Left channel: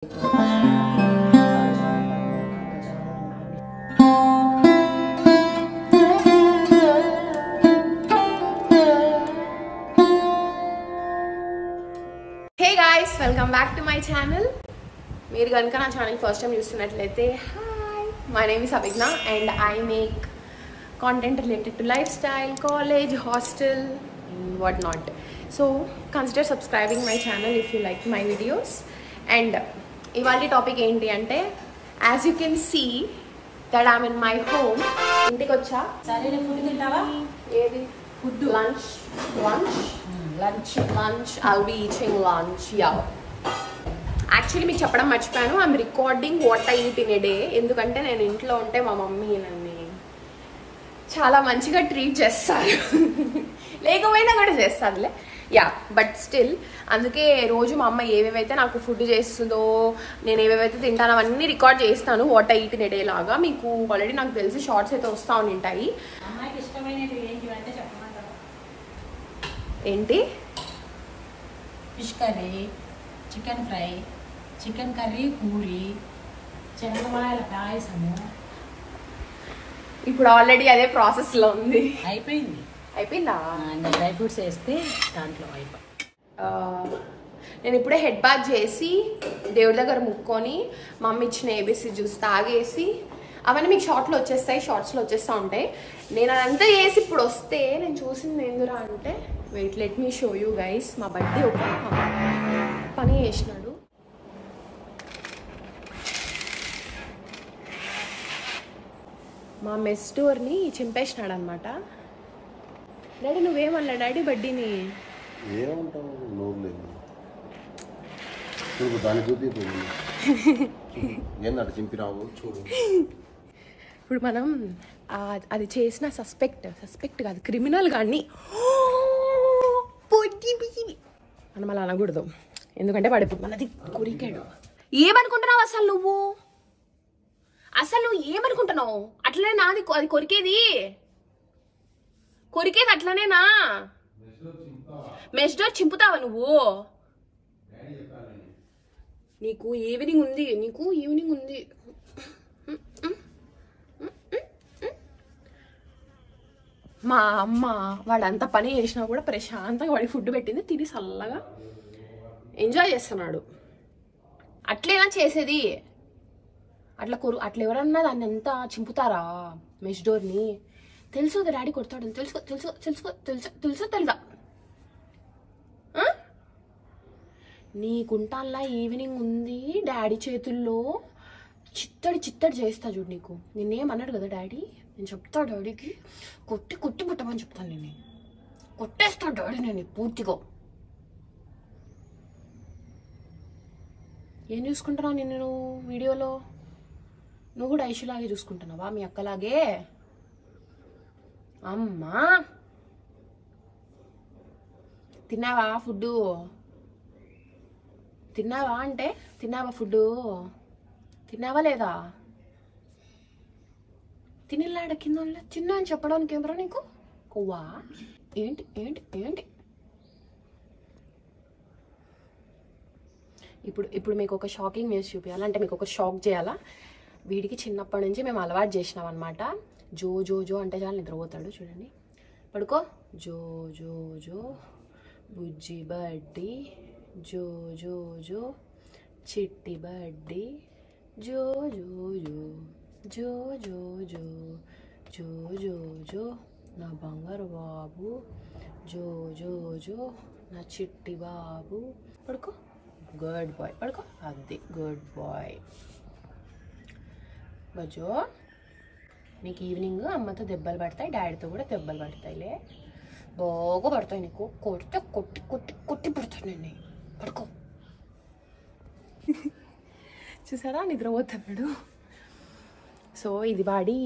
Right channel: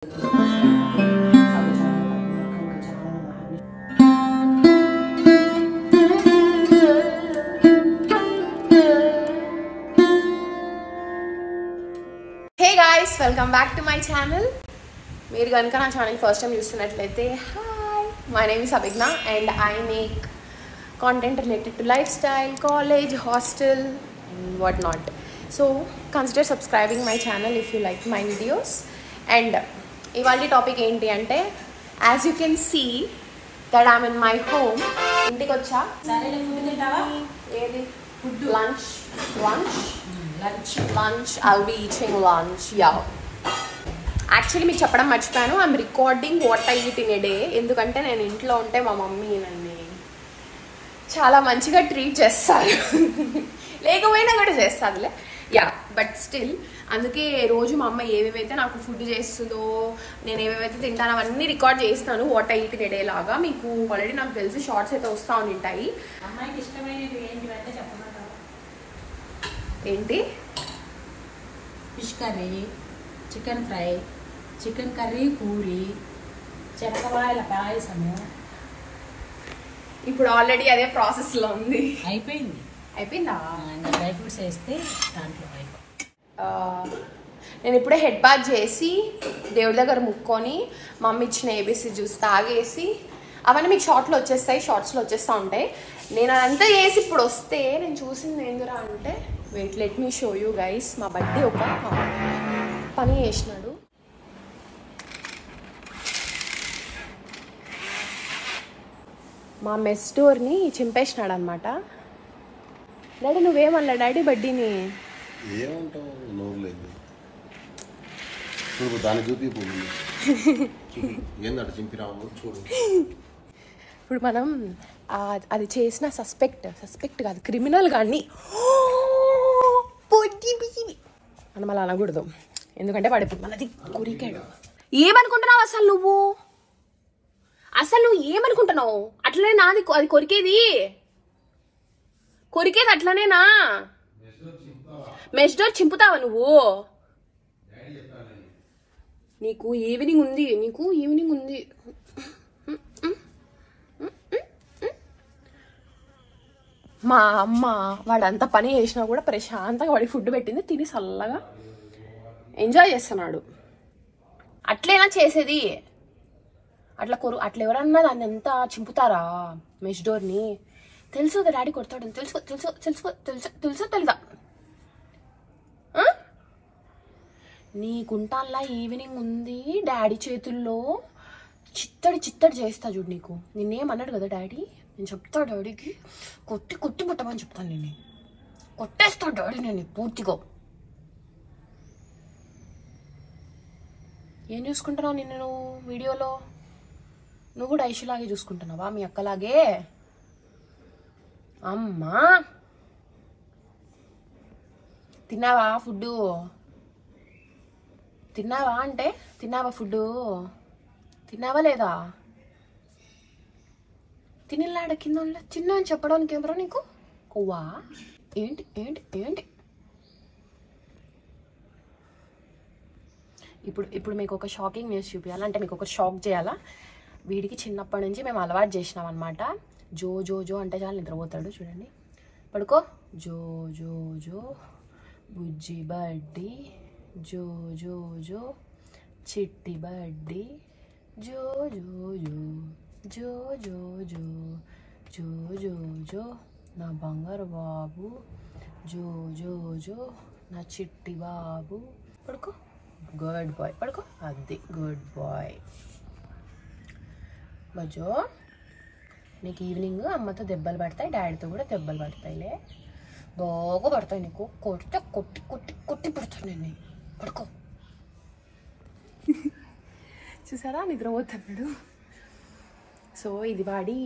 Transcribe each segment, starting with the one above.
Hey guys, welcome back to my channel. మీరు కనుక నా ఛానల్ ఫస్ట్ టైం చూస్తున్నట్లయితే hi, my name is Abhigna and I make content related to lifestyle, college, hostel and what not. So consider subscribing my channel if you like my videos. And ivaldi topic enti ante, as you can see that I'm in my home. Intiki vacha sare food tintava edi food lunch I'll be eating lunch. Yeah, actually మీకు చెప్పడం మర్చిపోయాను, I'm recording what I eat in a day. ఎందుకంటే నేను ఇంట్లో ఉంటే మా mummy నన్ను చాలా మంచిగా ట్రీట్ చేస్తారు, లేకపోయినా కూడా చేస్తారులే. యా, బట్ స్టిల్ అందుకే రోజు మా అమ్మ ఏవేవైతే నాకు ఫుడ్ చేస్తుందో, నేను ఏవేవైతే తింటానో అవన్నీ రికార్డ్ చేస్తాను what I eat in a day లాగా. మీకు ఆల్రెడీ నాకు తెలిసి షార్ట్స్ అయితే వస్తూ ఉంటాయి. ఏంటి? Fish curry, chicken fry, chicken curry, puri, శనగమాయల పాయసము. ఇప్పుడు ఆల్రెడీ అదే ప్రాసెస్ లో ఉంది. అయిపోయిందా? డ్రై ఫ్రూట్స్ వేస్తే దాంట్లో నేను ఇప్పుడే హెడ్ బాత్ చేసి దేవుడి దగ్గర ముక్కొని మమ్మీ ఇచ్చిన ఏబీసీ జ్యూస్ తాగేసి, అవన్నీ మీకు షార్ట్స్లో వచ్చేస్తూ ఉంటాయి. నేను అదంతా చేసి ఇప్పుడు వస్తే నేను చూసింది ఏందిరా అంటే, wait let me show you guys. మా బడ్డీ ఒక పని చేసినాడు. మా మెస్ డోర్ని చింపేసినాడు అనమాట. డాడీ నువ్వేమన్నా డాడీ బడ్డీని ఇప్పుడు మనం అది చేసిన సస్పెక్ట్ కాదు, క్రిమినల్ కానీ మనం అలా అనకూడదు. ఎందుకంటే వాడు ఇప్పుడు మనది కొరికాడు. ఏమనుకుంటున్నావు అసలు నువ్వు ఏమనుకుంటున్నావు? అట్లనే నాది అది కొరికేది అట్లనేనా? మెస్ డోర్ చింపుతావా నువ్వు? నీకు ఈవినింగ్ ఉంది. మా అమ్మ వాడంతా పని చేసినా కూడా ప్రశాంతంగా వాడి ఫుడ్ పెట్టింది, తిని చల్లగా ఎంజాయ్ చేస్తున్నాడు. అట్లేనా చేసేది? అట్లా ఎవరన్నా దాన్ని ఎంత చింపుతారా మెష్ డోర్ని? తెలుసు కదా డాడీ కొడతాడు, తెలుసా? నీకుంటాన్లా ఈవినింగ్ ఉంది డాడీ చేతుల్లో చిత్తడి చేస్తా చూడు. నీకు నిన్నేమన్నాడు కదా డాడీ, నేను చెప్తా డాడీకి కొట్టి పుట్టమని చెప్తాను. నేను కొట్టేస్తా డాడీ నేను పూర్తిగా. ఏం చూసుకుంటున్నావు నిన్ను నువ్వు వీడియోలో? నువ్వు కూడా ఐషులాగే చూసుకుంటున్నావా? మీ అక్కలాగే? అమ్మా తిన్నావా ఫుడ్డు? తిన్నావా అంటే తిన్నావా ఫుడ్డు? తిన్నావా లేదా? తినలాడ కింద చిన్న అని చెప్పడానికి ఏమరా నీకు కొవ్వా? ఏంటి ఇప్పుడు మీకు ఒక షాకింగ్ న్యూస్ చూపించాలంటే, మీకు ఒక షాక్ చేయాలా? వీడికి చిన్నప్పటి నుంచి మేము అలవాటు చేసినాం అనమాట. జో జో జో అంటే చాలా నిద్రపోతాడు. చూడండి, పడుకో. జో జో జో బుజ్జి బడ్డీ, జో జో జో చిట్టి బడ్డీ, జో జో జో జో జో జో జో జో జో నా బంగారు బాబు, జో జో జో నా చిట్టి బాబు. పడుకో, గుడ్ బాయ్. పడుకో, అది గుడ్ బాయ్. బజో, నీకు ఈవినింగ్ అమ్మతో దెబ్బలు పడతాయి, డాడీతో కూడా దెబ్బలు పడతాయిలే, బాగా పడతాయి నీకు. కొట్టి పడతాను నేను. పడుకో. చూసారా నిద్రపోతున్నాడు. సో ఇది వాడి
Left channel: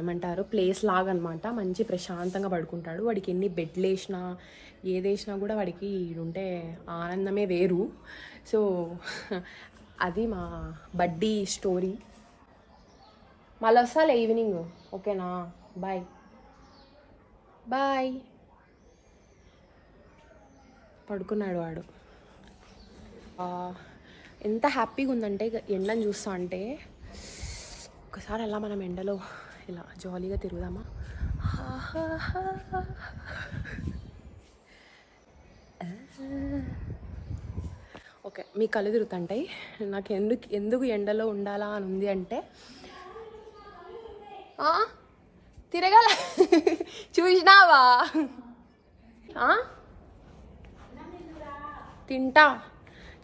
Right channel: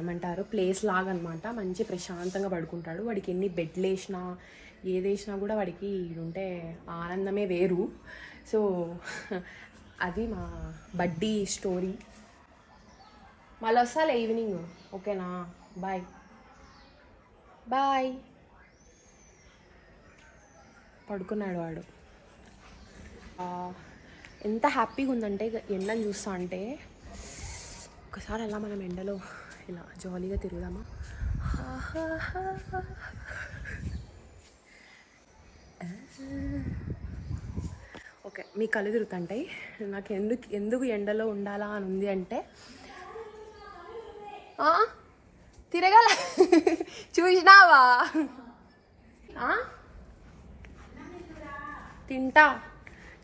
ఏమంటారు ప్లేస్ లాగా అనమాట. మంచి ప్రశాంతంగా పడుకుంటాడు. వాడికి ఎన్ని బెడ్లు వేసినా ఏదేసినా కూడా వాడికి ఉంటే ఆనందమే వేరు. సో అది మా బడ్డీ స్టోరీ. మళ్ళీ వస్తాలే ఈవినింగ్, ఓకేనా? బాయ్. పడుకున్నాడు వాడు. ఎంత హ్యాపీగా ఉందంటే ఎండని చూస్తా అంటే ఒకసారి అలా మనం ఎండలో ఇలా జాలీగా తిరుగుదామా. ఓకే, మీ కళ్ళు తిరుగుతుంటాయి. నాకు ఎందుకు ఎండలో ఉండాలా అని ఉంది అంటే తిరగల చూసినావా తింటా.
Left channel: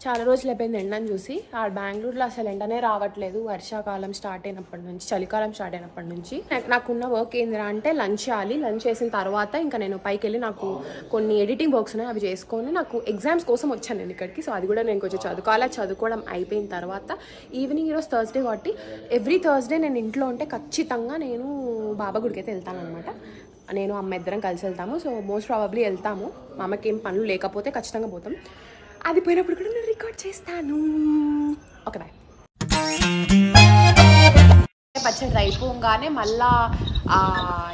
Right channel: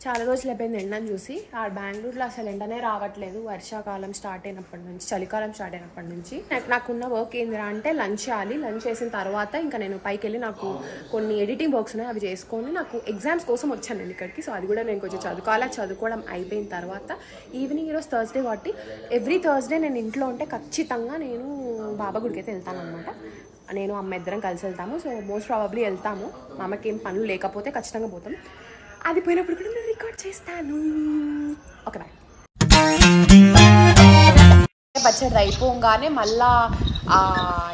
చాలా రోజులు అయిపోయింది ఎండని చూసి. ఆ బెంగళూరులో అసలు ఎండనే రావట్లేదు వర్షాకాలం స్టార్ట్ అయినప్పటి నుంచి, చలికాలం స్టార్ట్ అయినప్పటి నుంచి. నాకున్న వర్క్ ఏందిరా అంటే లంచ్ చేయాలి. లంచ్ చేసిన తర్వాత ఇంకా నేను పైకి వెళ్ళి నాకు కొన్ని ఎడిటింగ్ వర్క్స్ ఉన్నాయి, అవి చేసుకొని నాకు ఎగ్జామ్స్ కోసం వచ్చాను నేను ఇక్కడికి. సో అది కూడా నేను కొంచెం చదువుకోవాలి. చదువుకోవడం అయిపోయిన తర్వాత ఈవినింగ్, ఈరోజు థర్స్డే కాబట్టి ఎవ్రీ థర్స్డే నేను ఇంట్లో ఉంటే ఖచ్చితంగా నేను బాబా గుడికి అయితే వెళ్తాను అనమాట. నేను అమ్మ ఇద్దరం కలిసి వెళ్తాము. సో మోస్ట్ ప్రాబబ్లీ వెళ్తాము. మా అమ్మకి ఏం పనులు లేకపోతే ఖచ్చితంగా పోతాం. అది పోయినప్పుడు కూడా నేను రికార్డ్ చేస్తాను. Okay bye. పచ్చడి అయిపోగానే మళ్ళా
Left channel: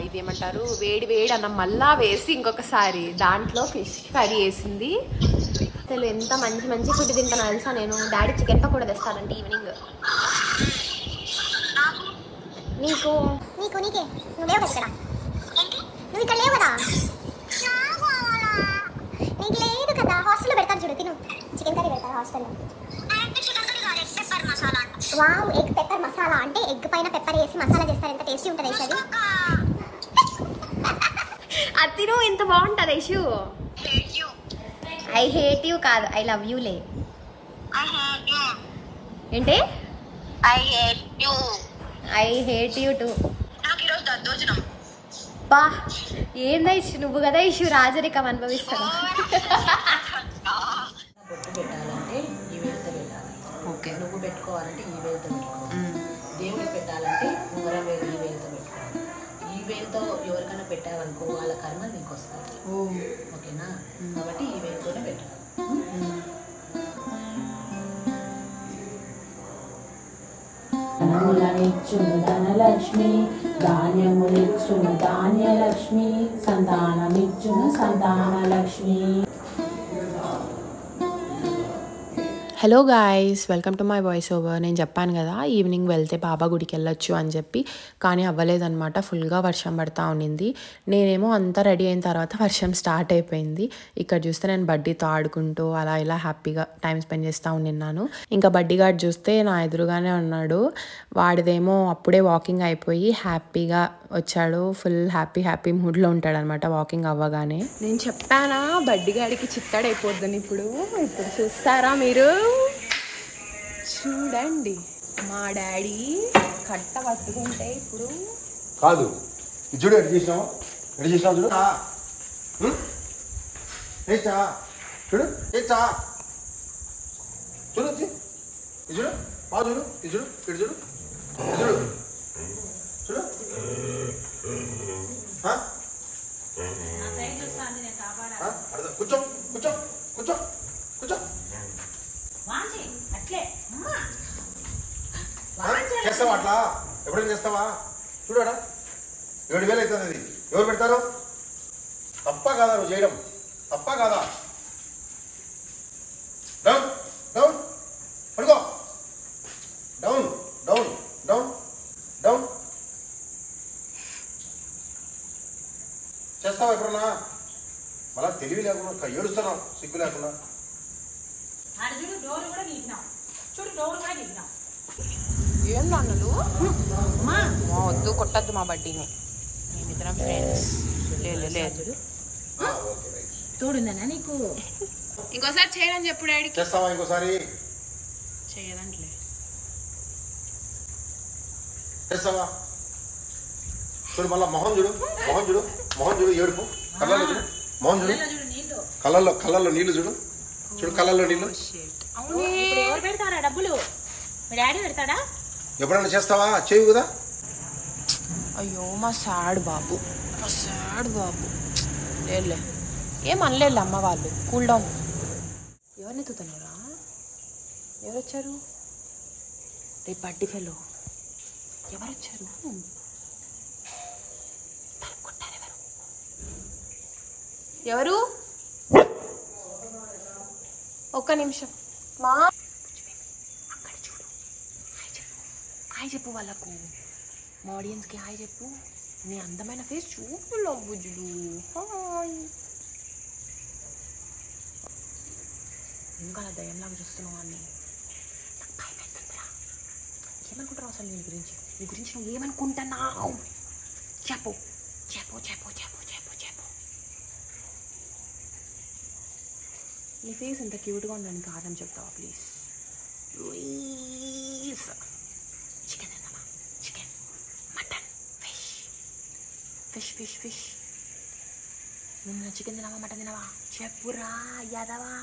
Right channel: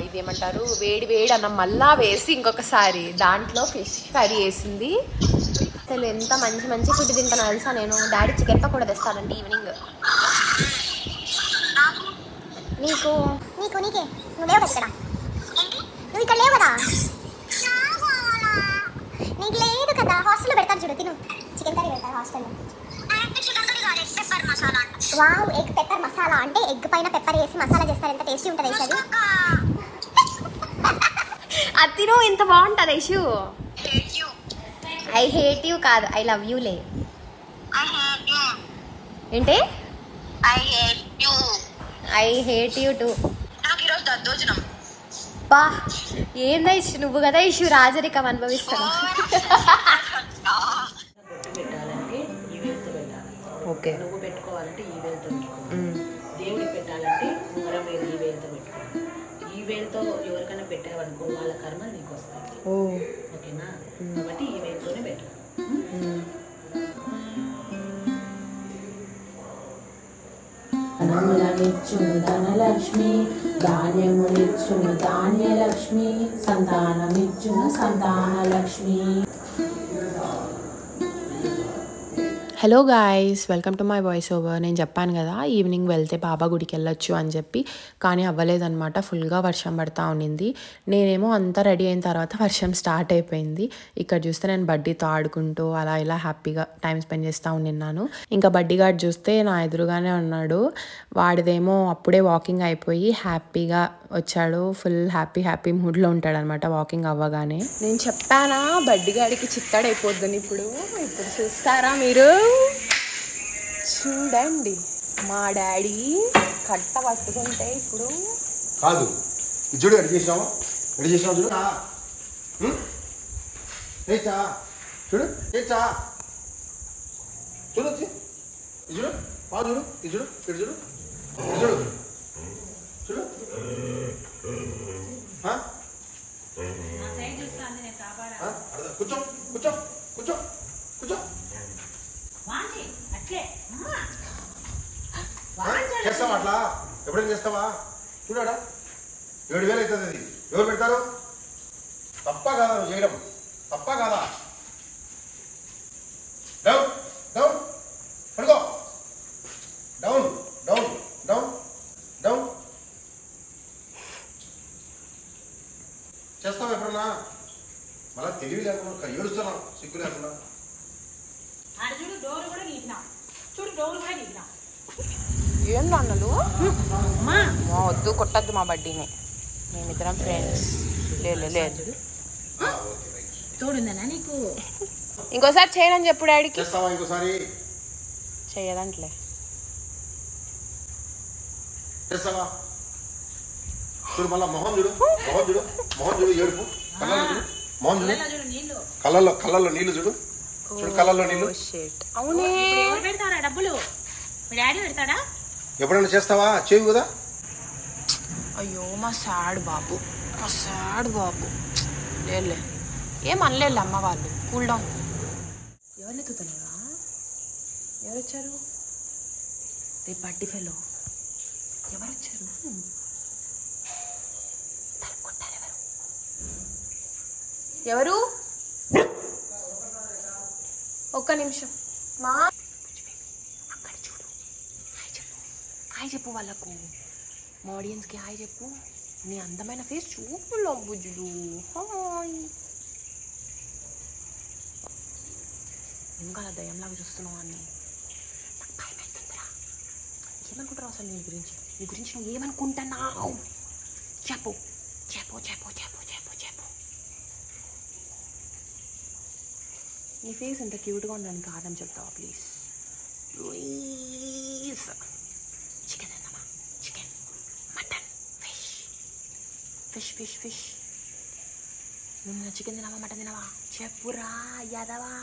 ఇదేమంటారు వేడి వేడి అన్నం మళ్ళా వేసి ఇంకొకసారి దాంట్లో ఫిష్ కర్రీ వేసింది. అసలు ఎంత మంచి మంచి ఫుడ్ తింటాను తెలుసా నేను. డాడీ చికెన్ పకోడా తెస్తానంటే ఈవినింగ్. నీకు నీకు నీకే నువ్వు లేవు కదా ఇక్కడ, నువ్వు ఇక్కడ లేవు కదా, నీకు లేదు కదా. హాస్టల్లో పెడతారు చూడు, తిను. చికెన్ కర్రీ పెడతారు హాస్టల్లో. వావ్, ఎగ్ పెప్పర్ మసాలా అంటే ఎగ్ పైన పెప్పర్ వేసి మసాలా చేస్తారు. ఎంత టేస్టీ ఉంటుంది ఐషు అది. అది తిను, ఎంత బాగుంటుంది ఐషు. ఐ హేట్ యూ కాదు, ఐ లవ్ యూ లే. ఏంటి? I hate you two. బా ఏందా ఇష్యూ, నువ్వు కదా ఇష్యూ రాజరికం అనుభవిస్తాను. బొట్టు పెట్టాలంటే ఈ వేలుతో పెట్టాలి. ఓకే. నువ్వు పెట్టుకోవాలంటే ఈ వేలుతో పెట్టుకోవాలి. దేవుడికి పెట్టాలంటే ఉంగరం వేలు ఈ వేలుతో పెట్టుకోవాలి. ఈ వేలుతో ఎవరికైనా పెట్టావనుకో వాళ్ళ కర్మ నీకు వస్తుంది. ఓకేనా? కాబట్టి ఈ వేలుతోనే పెట్టాలి. ధనములనిచ్చును ధనలక్ష్మి, ధాన్యములిచ్చును ధాన్యలక్ష్మి, సంతానమిచ్చును Santanalakshmi. Hello guys, welcome to my voice over. నేను చెప్పాను కదా ఈవినింగ్ వెళ్తే బాబా గుడికి వెళ్ళొచ్చు అని చెప్పి, కానీ అవ్వలేదన్నమాట. ఫుల్గా వర్షం పడతా ఉండింది. నేనేమో అంతా రెడీ అయిన తర్వాత వర్షం స్టార్ట్ అయిపోయింది. ఇక్కడ చూస్తే నేను బడ్డీతో ఆడుకుంటూ అలా ఇలా హ్యాపీగా టైం స్పెండ్ చేస్తూ ఉన్నాను. ఇంకా బడ్డీ గార్డ్ చూస్తే నా ఎదురుగానే ఉన్నాడు. వాడిదేమో అప్పుడే వాకింగ్ అయిపోయి హ్యాపీగా వచ్చాడు. ఫుల్ హ్యాపీ మూడ్లో ఉంటాడు అనమాట వాకింగ్ అవ్వగానే. నేను చెప్పానా బడ్డీ గాడికి చిత్తాడైపోద్దని. ఇప్పుడు చూస్తారా మీరు? చూడండి మా డాడీ కట్ట పట్టుకుంటే ఇప్పుడు కాదు చూడు ఎటు చేసినావు చూడు చూడు చూడు చూడు బాగా చూడు చూడు ఇటు చూడు చూడు చూడు కూర్చో కూర్చో కూర్చో కూర్చో. చేస్తావా అట్లా? ఎప్పుడైనా చేస్తావా? చూడాడా 7,000 అవుతుంది. అది ఎవరు పెడతారు? తప్ప కాదా నువ్వు చేయడం? తప్ప కాదా? డౌన్ డౌన్ పడుకో. Down down down down. చేస్తావా ఎప్పుడన్నా? మళ్ళా తెలివి లేకుండా ఏడుస్తున్నావు సిగ్గు లేకుండా. ఏం నాన్నలు వద్దు, కొట్టద్దు మా బడ్డీని. మేమిద్దరం ఫ్రెండ్స్. లేదు తోడుందనా నీకు? ఇంకోసారి చేయనని చెప్పు డాడీకి. చేస్తావా ఇంకోసారి? చెయ్యదంట్లే. చేస్తావా? చూడు మళ్ళా మొహం చూడు, మొహం చూడు, మొహం చూడు, ఏడుపు కళ్ళల్లో చూడు, మొహం చూడు, కళ్ళల్లో నీళ్లు చూడు, చూడు కళ్ళల్లో నీళ్లు. అవునే పెడతారా డబ్బులు? మీ డాడీ పెడతాడా? ఎప్పుడైనా చేస్తావా? చేయవు కదా. అయ్యో మా సాడ్ బాబు, లేదులే ఏం అనలేదు అమ్మ వాళ్ళు. Cool down. ఎవరిని ఎత్తుతున్నారా? ఎవరు వచ్చారు? రేపు బడ్డీ ఫెలో ఎవరు వచ్చారు? కొట్టారు ఎవరు? ఒక్క నిమిషం. మా హాయ్ చెప్పు వాళ్ళకు, మా ఆడియన్స్కి హాయ్ చెప్పు. నీ అందమైన ఫేస్ చూపు లబ్బుజులు. హాయ్. ఇంకా అలా దయ్యంలాగా చూస్తున్నావు అని నాకు భయం అవుతుందిరా. ఏమనుకుంటావు అసలు నీ గురించి నువ్వు ఏమనుకుంటున్నావు? చెప్పు చెప్పు చెప్పు చెప్పు చెప్పు చెప్పు. నీ ఫేస్ ఎంత క్యూట్గా ఉండడానికి కారణం చెప్తావా ప్లీజ్? ప్లీజ్. చికెన్ తిందామా? Chicken, mutton, fish fish fish fish. నిన్న చికెన్ తినవా మటన్ తినవా? చెప్పురా యాదవా.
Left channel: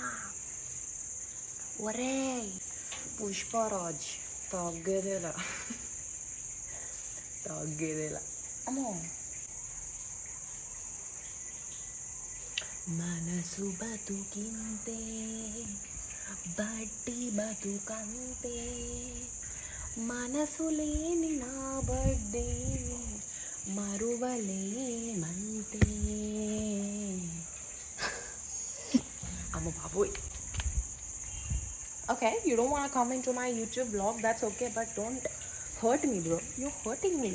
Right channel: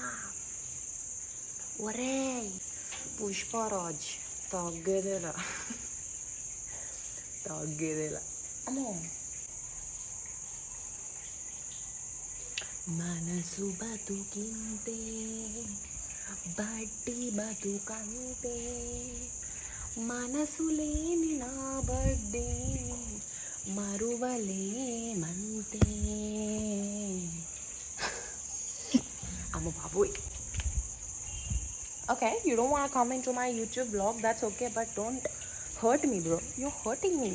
ఒరే పుష్పరాజ్ తగ్గేదేలా అమ్మో. మనసు బతుకింతే బట్టి బతుకంతే, మనసు లేని నా బడ్డే మరువలేమంతే. అమ్మ బాబోయ్. Okay, you don't want to come into my YouTube vlog, that's okay, but don't hurt me, bro. You're hurting me.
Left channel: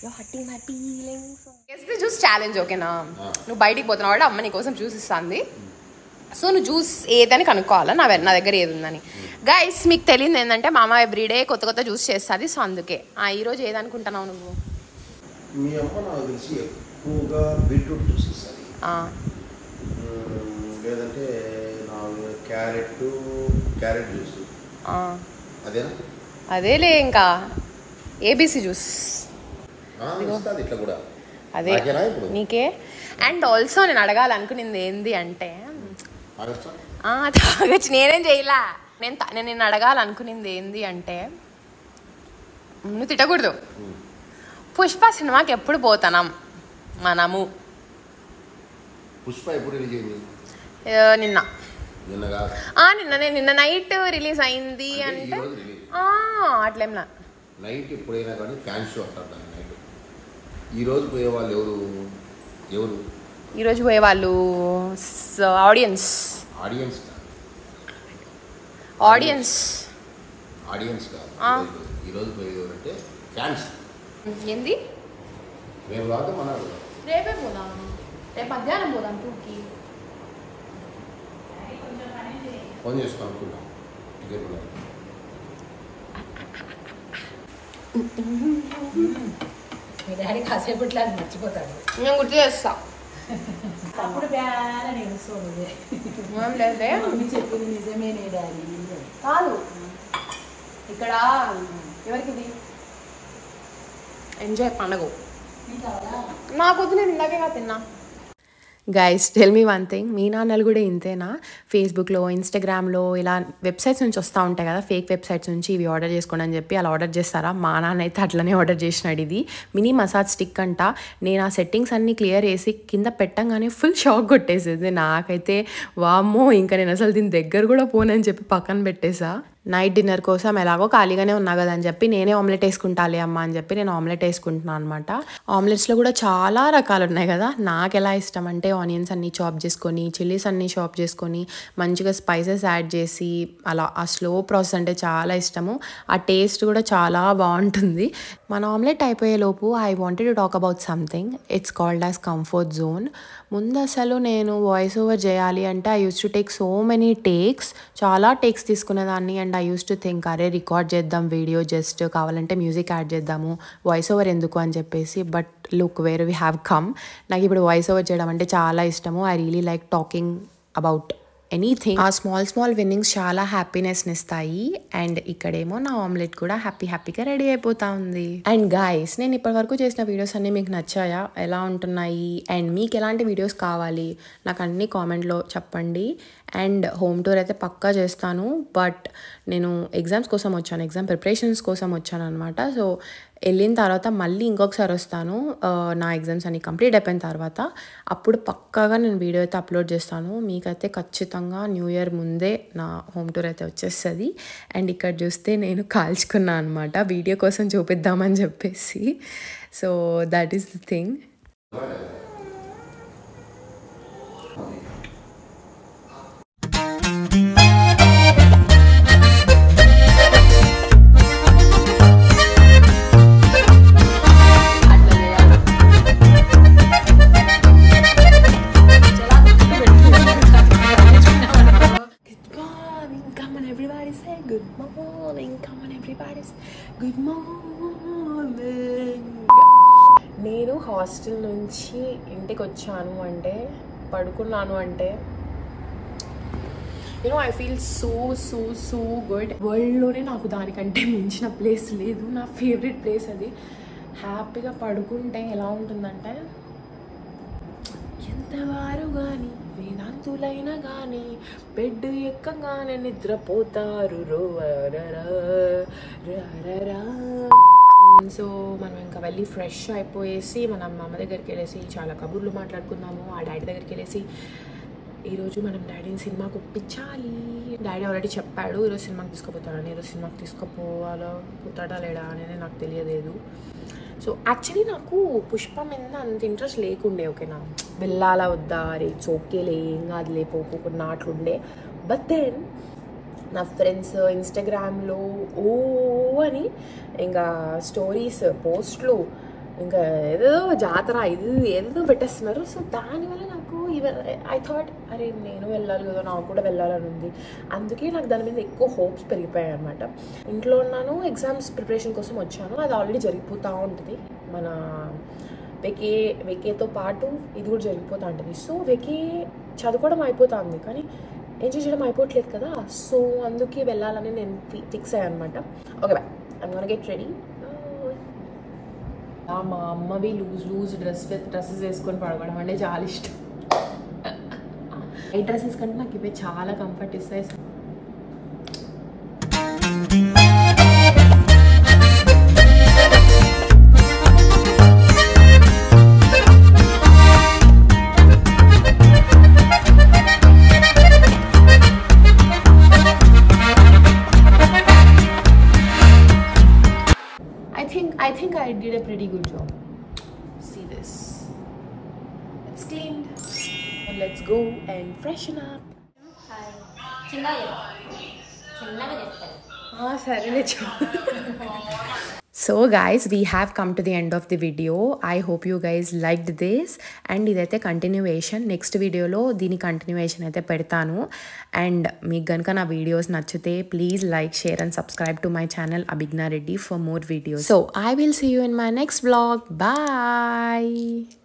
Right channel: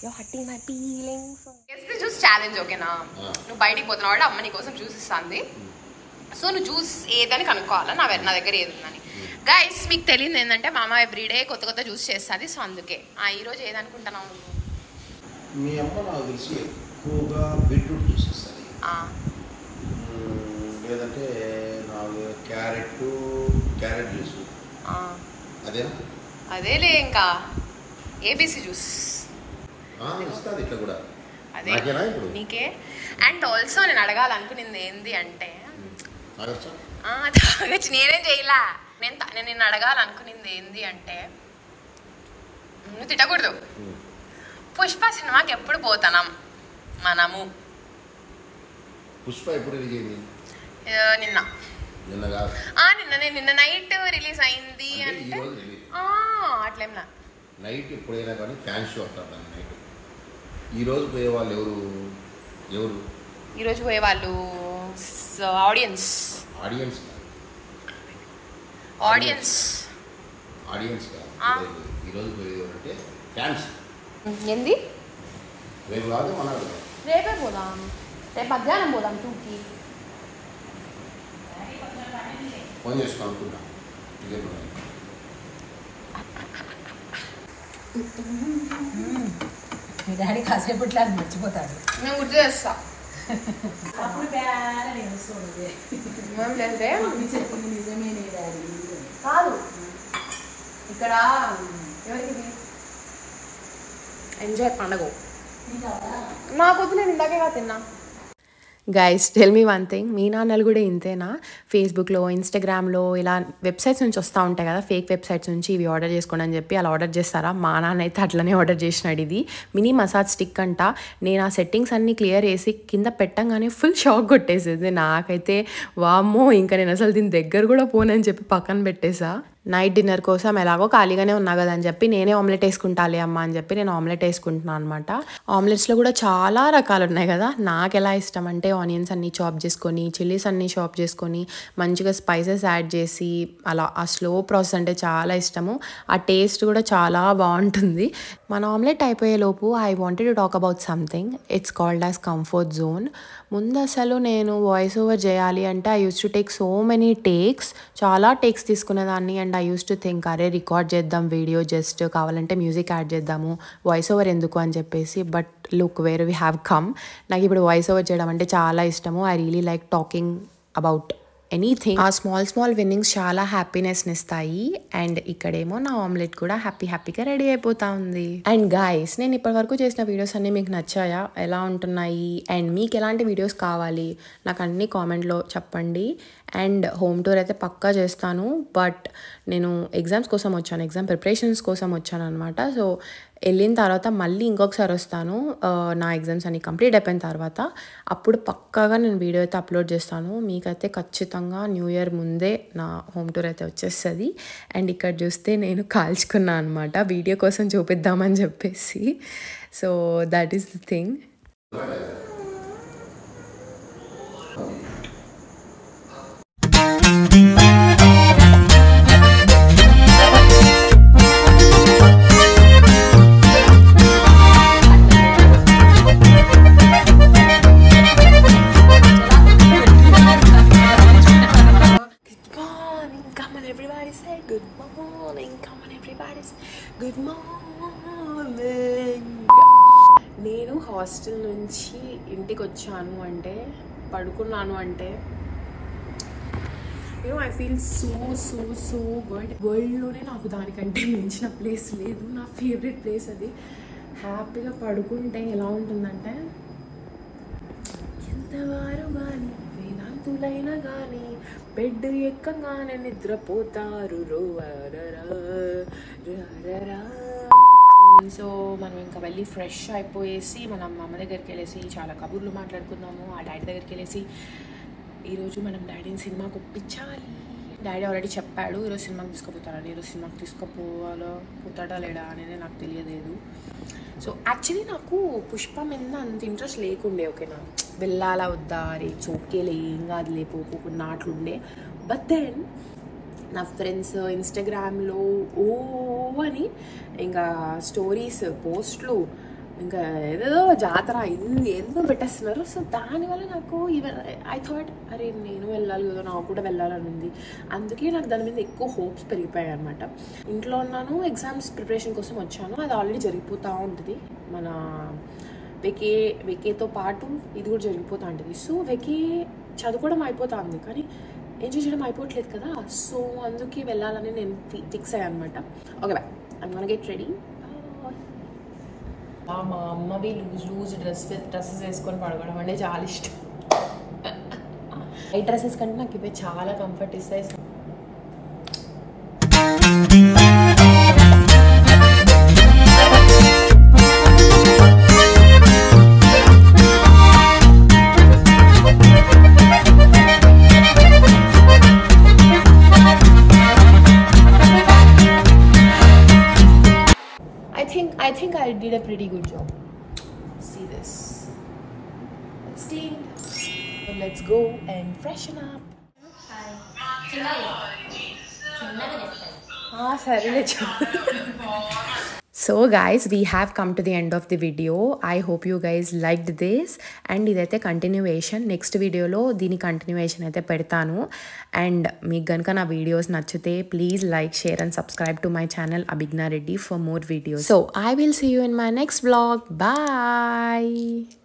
You're hurting my feelings. Guess the juice challenge, okay na? నువ్వు బయటికి పోతున్నావు అంటే అమ్మ నీ కోసం juice ఇస్తుంది. So నువ్వు juice ఏదని కనుక్కోవాలా నా దగ్గర ఏది ఉందని. గైస్ మీకు తెలియదు ఏంటంటే మామ ఎవ్రీడే కొత్త జ్యూస్ చేస్తుంది. సో అందుకే ఈరోజు ఏదనుకుంటున్నావు నువ్వు? మీ అమ్మ నాకు తెలిసి ఎక్కువగా బీట్రూట్ జ్యూస్ ఇస్తుంది, లేదంటే క్యారెట్ జ్యూస్. అదేనా? అదేలే. ఇంకా ఏబీసీ జ్యూస్ ఇట్లా కూడా అదే నీకే. అండ్ ఆల్సో నేను అడగాలనుకునింది ఏంది అంటే తాగొచ్చు, నేనేం చేయలా. నేను నిన్ను అడగాలనుకునింది ఏంది అంటే, నువ్వు తిట్టకూడదు. పుష్ప సినిమాకి ఎప్పుడు పోతాం మనము? పుష్ప ఎప్పుడు రిలీజ్ అయింది? నిన్న నైట్ రిలీజ్ అయింది. అట్లేం నైట్ ఎప్పుడైనా కానీ ఫ్యాన్ షో అంటారు దాన్ని నైట్. ఈ రోజు పోయే వాళ్ళు ఎవరు? ఈ రోజు పోయే వాళ్ళు ఆడియన్స్ కాదు. ఈ రోజు పోయేది అంటే ఫ్యాన్స్. ఏంది? రేపు కాదు, మన రేపే పోదాం. రేపు మధ్యాహ్నం పోదాం 2కి. ఫోన్ చేసుకుని అనుకుంటాం. మీ డాడీ కాసేపు ఇట్లా మర్చిపోతాడు. నేను గుర్తు చేస్తా. అప్పుడు నేను చెప్పింది నిజమే డాడీ కాదు. ఇక్కడ ఎవరికి ఎంజాయ్ పండగ నాకు వద్దు, నేను ఇందాకే తిన్నా. Guys tell me one thing, మీ నాన్నలు కూడా ఇంతేనా? ఫేస్బుక్లో, ఇన్స్టాగ్రామ్లో ఇలా వెబ్సైట్స్ నుంచి వస్తూ ఉంటాయి కదా, ఫేక్ వెబ్సైట్స్ నుంచి ఇవి ఆర్డర్ చేసుకోండి అని చెప్పి అలా ఆర్డర్ చేస్తారా? మా నాన్న అయితే అట్లనే ఆర్డర్ చేసినాడు. ఇది మినీ మసాజ్ స్టిక్ అంట. నేను ఆ సెట్టింగ్స్ అన్నీ క్లియర్ చేసి కింద పెట్టంగానే ఫుల్ షాక్ కొట్టేసేది. నాకైతే వామ్మో, ఇంకా నేను అసలు దీని దగ్గర కూడా పోనని చెప్పి పక్కన పెట్టేసా. నైట్ డిన్నర్ కోసం ఎలాగో ఖాళీగానే ఉన్నా కదా అని చెప్పి నేనే ఆమ్లెట్ వేసుకుంటాలే అమ్మ అని చెప్పి నేను ఆమ్లెట్ వేసుకుంటున్నాను అనమాట. ఆమ్లెట్స్లో కూడా చాలా రకాలు ఉన్నాయి కదా. నాకు ఎలా ఇష్టం అంటే ఆనియన్స్ అన్నీ చాప్ చేసుకొని, చిల్లీస్ అన్నీ చాప్ చేసుకొని, మంచిగా స్పైసెస్ యాడ్ చేసి అలా ఆ స్లో ప్రాసెస్ అంటే చాలా ఇష్టము. ఆ టేస్ట్ కూడా చాలా బాగుంటుంది. మన ఆమ్లెట్ అయిపోయేలోపు I wanted to talk about something. It's called as comfort zone. ముందు అసలు నేను వాయిస్ ఓవర్ చేయాలి అంటే I use to take so many takes, చాలా టేక్స్ తీసుకునేదాన్ని. And I use to think అరే రికార్డ్ చేద్దాం వీడియో, జస్ట్ కావాలంటే మ్యూజిక్ యాడ్ చేద్దాము, వాయిస్ ఓవర్ ఎందుకు అని చెప్పేసి. But look where we have come. నాకు ఇప్పుడు వాయిస్ ఓవర్ చేయడం అంటే చాలా ఇష్టము. I really like talking about anything. ఆ స్మాల్ విన్నింగ్స్ చాలా హ్యాపీనెస్ని ఇస్తాయి. అండ్ ఇక్కడేమో నా ఆమ్లెట్ కూడా హ్యాపీగా రెడీ అయిపోతా ఉంది. అండ్ గైస్, నేను ఇప్పటివరకు చేసిన వీడియోస్ అన్నీ మీకు నచ్చాయా? ఎలా ఉంటున్నాయి? అండ్ మీకు ఎలాంటి వీడియోస్ కావాలి నాకు అన్ని కామెంట్లో చెప్పండి. అండ్ హోమ్ టూర్ అయితే పక్కా చేస్తాను. బట్ నేను ఎగ్జామ్స్ కోసం వచ్చాను, ఎగ్జామ్ ప్రిపరేషన్స్ కోసం వచ్చాను అనమాట. సో వెళ్ళిన తర్వాత మళ్ళీ ఇంకొకసారి వస్తాను నా ఎగ్జామ్స్ అన్ని కంప్లీట్ అయిపోయిన తర్వాత. అప్పుడు పక్కాగా నేను వీడియో అయితే అప్లోడ్ చేస్తాను. మీకైతే ఖచ్చితంగా న్యూ ఇయర్ ముందే నా హోమ్ టూర్ అయితే వచ్చేస్తుంది. అండ్ ఇక్కడ చూస్తే నేను కాల్చుకున్నాను అనమాట వీడియో కోసం చూపిద్దామని చెప్పేసి. So that is the thing. everybody say good morning. Come on, everybody say good morning. నేను హాస్టల్ నుంచి ఇంటికి వచ్చాను అంటే పడుకున్నాను అంటే ఐ ఫీల్ సో గుడ్. వరల్డ్లోనే నాకు దానికంటే మించిన ప్లేస్ లేదు. నా ఫేవరెట్ ప్లేస్ అది. హ్యాపీగా పడుకుంటే ఎలా ఉంటుందంటే ఎంతవారు కానీ వేదాంతులైనా కానీ బెడ్ ఎక్కగానే నిద్రపోతారు సో మనం ఇంకా వెళ్ళి ఫ్రెష్ అయిపోయేసి మనం అమ్మ దగ్గరికి వెళ్ళేసి చాలా కబుర్లు మాట్లాడుకున్నాము. ఆ డాడీ దగ్గరికి వెళ్ళేసి ఈరోజు మనం డాడీని సినిమాకి ఒప్పించాలి. డాడీ ఆల్రెడీ చెప్పాడు ఈరోజు సినిమాకి తీసుకుపోతాడని. ఈరోజు సినిమాకి పోతాడా లేడా అనేది నాకు తెలియలేదు. సో యాక్చువల్లీ నాకు పుష్ప మీద అంత ఇంట్రెస్ట్ లేకుండే. ఓకేనా, వెళ్ళాలా వద్దా, అరే ఇట్స్ ఓకేలే, ఏం కాదులే, పోకుండా అట్లుండే. బట్ దెన్ నా ఫ్రెండ్స్ ఇన్స్టాగ్రామ్లో అని ఇంకా స్టోరీస్ పోస్ట్లు ఇంకా ఏదో జాతర ఇది ఏదో పెట్టేస్తున్నారు. సో దానివల్ల నాకు ఐ థాట్ అరే నేను వెళ్ళాలి కదా, నాకు కూడా వెళ్ళాలని ఉంది. అందుకే నాకు దాని మీద ఎక్కువ హోప్స్ పెరిగిపోయాయి అనమాట. ఇంట్లో ఉన్నాను, ఎగ్జామ్స్ ప్రిపరేషన్ కోసం వచ్చాను. అది ఆల్రెడీ జరిగిపోతూ ఉంటుంది. మన వెకేతో పాటు ఇది కూడా జరిగిపోతూ ఉంటుంది. సో వెకే చదువుకోవడం అయిపోతుంది కానీ ఎంజాయ్ చేయడం అయిపోవట్లేదు కదా. సో అందుకే వెళ్ళాలని నేను ఫిక్స్ అయ్యాను అనమాట. Okay bye, I'm gonna get ready. మా అమ్మవి లూజ్ డ్రెస్సెస్ వేసుకొని పడుకోవడం అంటే చాలా ఇష్టం. ఈ డ్రెస్సెస్ కంటే నాకు ఇవి చాలా కంఫర్ట్ ఇస్తాయి. I think I did a pretty good job. See this. It's cleaned. So let's go and freshen up. So guys, we have come to the end of the video. I hope you guys liked this. And idaithe continuation. Next video lo dini continuation aithe pedtanu. And meeku ganaka na videos nachute please like, share and subscribe to my channel Abhigna Reddy for more videos. So I will see you in my next vlog. Bye.